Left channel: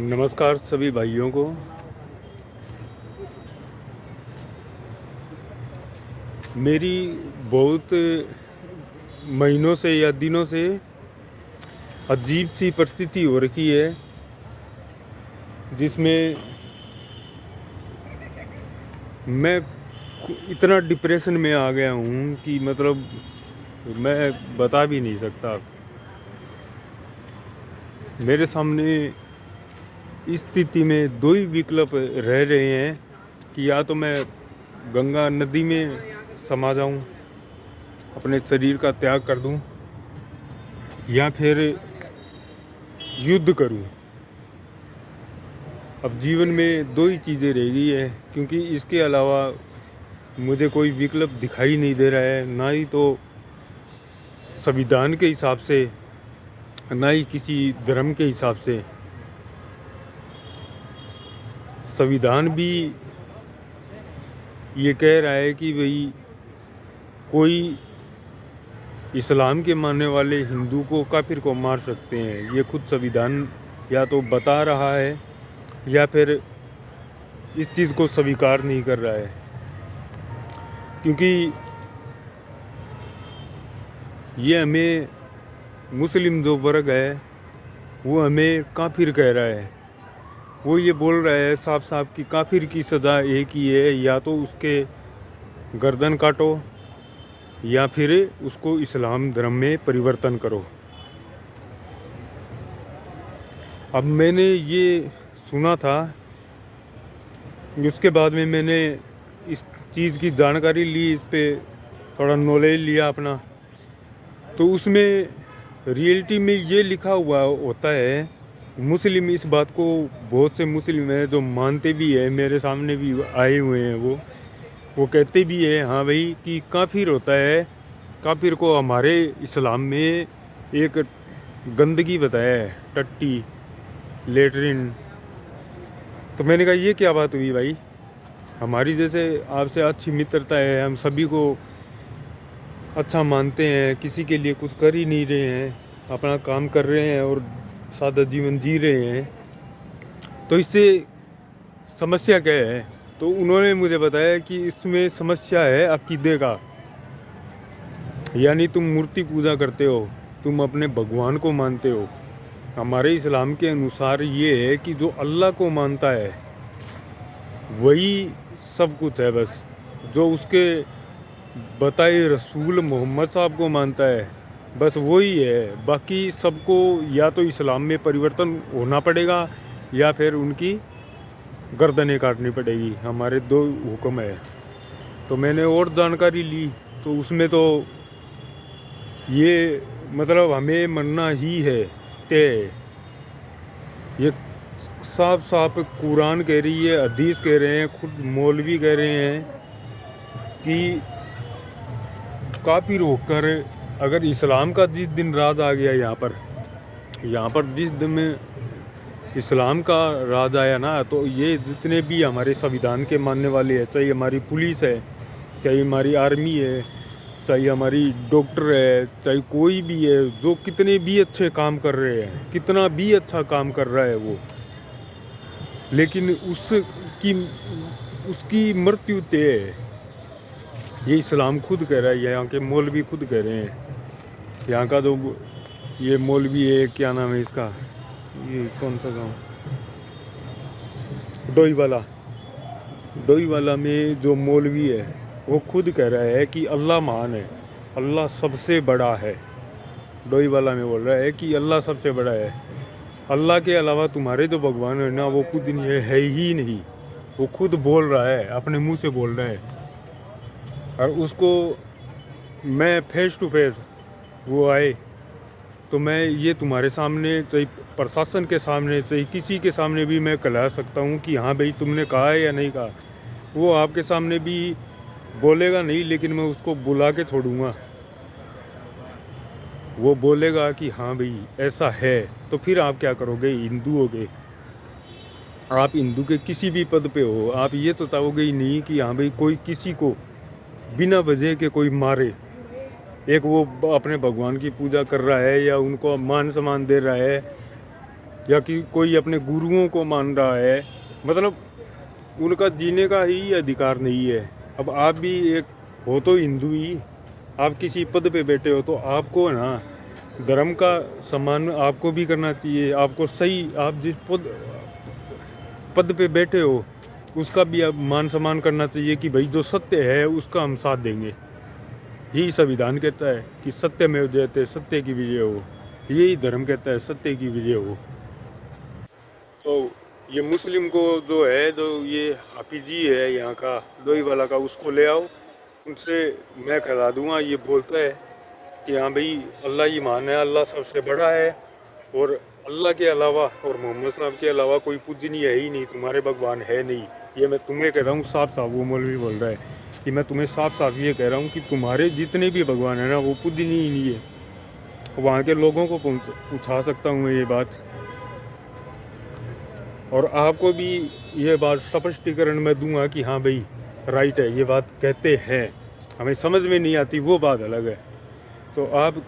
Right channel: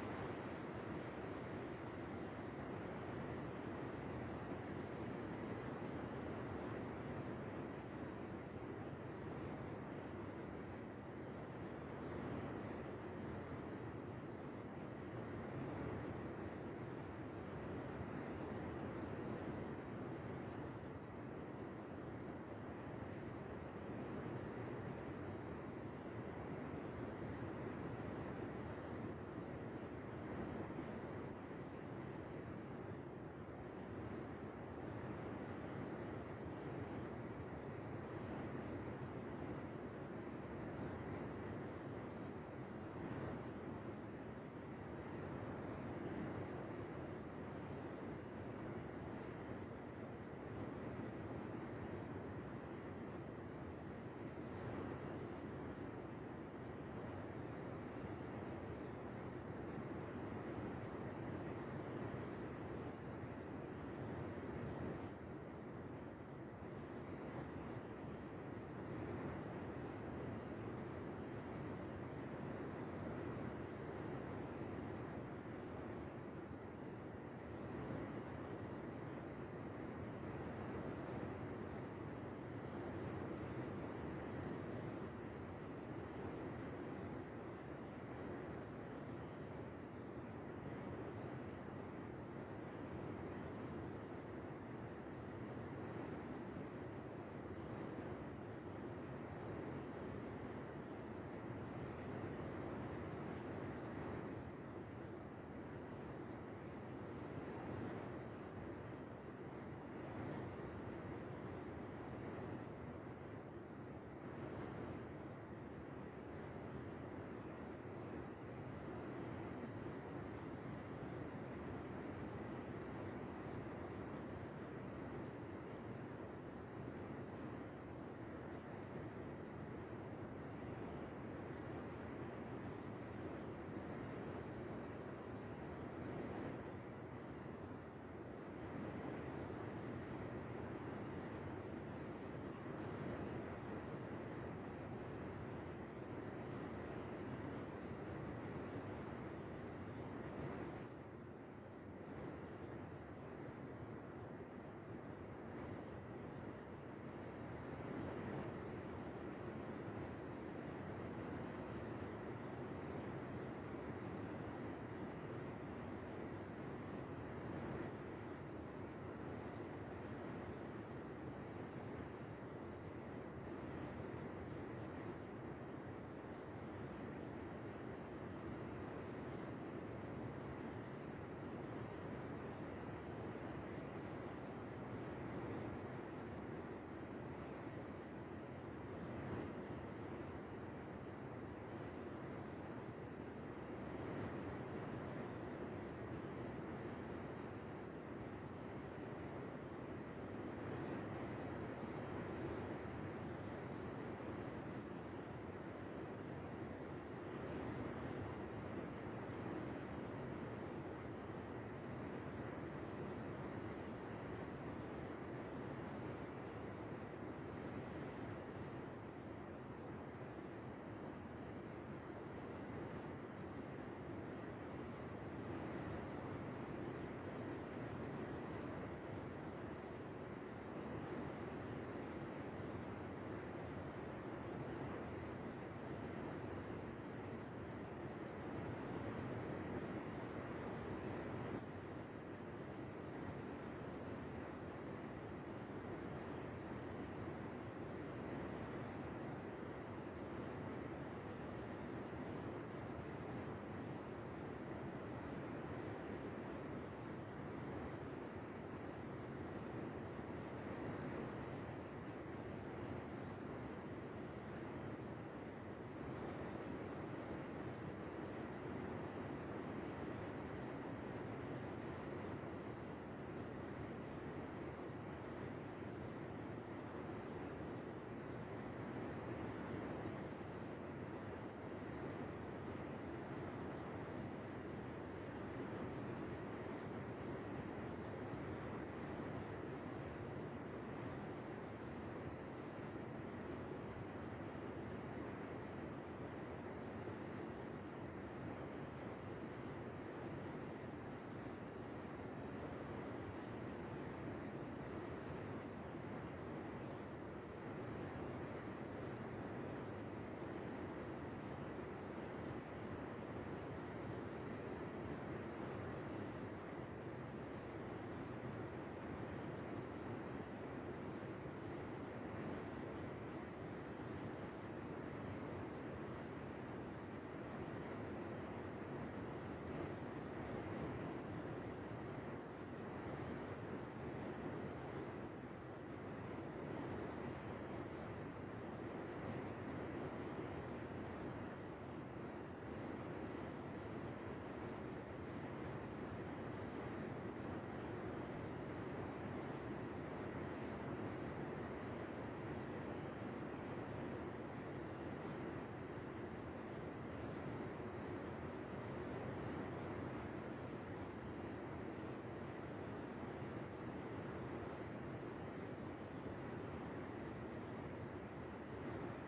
नमस्कार सभी भाइयों को। मेरी बहुत महीनों से या दिनों से अजीब सी परिस्थिति हो रखी है, जिसमें मैं इतना डिप्रेशन में आ गया हूँ कि मतलब मैं बता भी नहीं सकता। मेरे सामने इस स्थिति में दो ही विकल्प रह रहे हैं कि या तो मैं गंगा नदी में समा जाऊं, अपने शरीर का त्याग कर दूं, या फिर युद्ध करूं। अब जीवन में दो ही चीज़ें रह गई है, क्योंकि इसके अलावा मुझे कोई विकल्प दिखाई नहीं दे रहा है, ना ही तो संविधान के हिसाब से, ना ही किसी धर्म के हिसाब से। संविधान भी ये कह रहा है कि भाई कोई इस्लाम के मानने वाले हिंदू को काफिर को मार सकते हैं। ये खुद संविधान या तो बता रहा है या फिर इस चीज़ को स्वीकार नहीं कर रहा है, क्योंकि ये हमें मुस्लिम जो वर्ग है वो हमें काफिर कह रहा है। वो ये बोल रहा है साफ साफ कि काफिर की सज़ा एक ही है, या तो उसके गर्दन काटो या फिर उसको इस्लाम धर्म में परिवर्तन करो। अब मैंने ये सुना था, उसके बाद में मैंने इस चीज़ की जानकारी ली, इस पे थोड़ा नॉलेज लिया अपना। तो उसमें रियलिटी में ये लिखा हुआ होता है, मुस्लिम इस बात को, बहुत से मुस्लिम हैं जो मानते भी है, मेरे सामने भी आए हुए हैं। वो कहते भी है हाँ भाई कि काफिर होता है, काफिर को हमारे इस्लाम में एक गंदगी बताया है, टट्टी, लेटरिन। तो मैंने कहा ये क्या बात हुई भाई, हमारी जैसे आपसे अच्छी मित्रता है, हम सभी को अच्छा मानते हैं, किसी के लिए कुछ कर ही नहीं रहे हैं, अपना काम कर रहे हैं और सादा जीवन जी रहे हैं, तो इससे समस्या क्या है। तो उन्होंने मुझे बताया कि इसमें समस्या है अकीदे का, यानी तुम मूर्ति पूजा करते हो, तुम अपने भगवान को मानते हो। हमारे इस्लाम के अनुसार ये है कि जो अल्लाह को मानता है वही सब कुछ है, बस जो उसके बताए रसूल मोहम्मद साहब को मानता है बस वही है। बाकी सबको या तो इस्लाम में परिवर्तन होना पड़ेगा या फिर उनकी गर्दनें काटनी पड़ेगी। हमारे दो हुक्म है। तो मैंने और जानकारी ली, तो उसमें तो ये मतलब हमें मरना ही है तय। ये साफ साफ कुरान कह रही है, हदीस कह रहे हैं, खुद मौलवी कह रहे हैं कि काफिर होकर अगर इस्लाम का जिस दिन राज आ गया यहाँ पर जिस दिन में इस्लाम का राज आया ना, तो ये जितने भी हमारे संविधान के मानने वाले हैं, चाहे हमारी पुलिस है, चाहे हमारी आर्मी है, चाहे हमारी डॉक्टर है, चाहे कोई भी है, जो कितने भी अच्छे काम कर रहे हैं, कितना भी अच्छा काम कर रहा है वो, लेकिन उसकी मृत्यु तय है। ये इस्लाम खुद कह रहा है, यहाँ के मौलवी खुद कह रहे हैं। यहाँ का जो ये मौलवी है, क्या नाम है इसका, ये कौन सा गांव, डोईवाला में जो मौलवी है वो खुद कह रहा है कि अल्लाह महान है, अल्लाह सबसे बड़ा है। डोईवाला में बोल रहा है कि अल्लाह सबसे बड़ा है, अल्लाह के अलावा तुम्हारे जो भगवान है ना वो खुद नहीं है ही नहीं। वो खुद बोल रहा है, अपने मुंह से बोल रहा है। और उसको मैं फेस टू फेस वो आए तो मैं ये तुम्हारे सामने, चाहे प्रशासन के सामने, चाहे किसी के सामने भी मैं कहला सकता हूँ कि हाँ भाई तुमने कहा है या नहीं कहा। वो आपके सामने भी बोलेगा नहीं, लेकिन मैं उसको बुला के छोड़ूंगा। वो बोलेगा कि हाँ भाई ऐसा है, तो फिर आप क्या करोगे, हिंदू हो गए आप, हिंदू के किसी भी पद पे हो, आप ये तो चाहोगे ही नहीं कि हाँ भाई कोई किसी को बिना वजह के कोई मारे। एक वो अपने भगवान की पूजा कर रहा है या उनको मान सम्मान दे रहा है, या कि कोई अपने गुरुओं को मान रहा है, मतलब उनका जीने का ही अधिकार नहीं है। अब आप भी एक हो तो हिंदू ही, आप किसी पद पे बैठे हो तो आपको ना धर्म का सम्मान आपको भी करना चाहिए। आपको सही, आप जिस पद पे बैठे हो उसका भी आप मान सम्मान करना चाहिए कि भाई जो सत्य है उसका हम साथ देंगे। यही संविधान कहता है कि सत्य में जयते, सत्य की विजय हो। यही धर्म कहता है, सत्य की विजय हो। तो ये मुस्लिम को जो है, जो ये हाफिज जी है यहाँ का लोई वाला का, उसको ले आओ, उनसे मैं खिला दूंगा। ये बोलता है कि हाँ भाई अल्लाह ही महान है, अल्लाह सबसे बड़ा है, और अल्लाह के अलावा और मोहम्मद साहब के अलावा कोई पूजनीय है ही नहीं, तुम्हारे भगवान है नहीं। ये मैं तुम्हें कह रहा हूँ साफ साफ। वो मौलवी बोल रहा है कि मैं तुम्हें साफ साफ ये कह रहा हूँ कि तुम्हारे जितने भी भगवान है ना वो पूजनीय ही नहीं है। वहाँ के लोगों को पूछा सकता हूँ मैं ये बात, और आपको भी ये बात स्पष्टीकरण मैं दूंगा कि हाँ भाई राइट है, ये बात कहते हैं। हमें समझ में नहीं आती वो बात अलग है। तो आप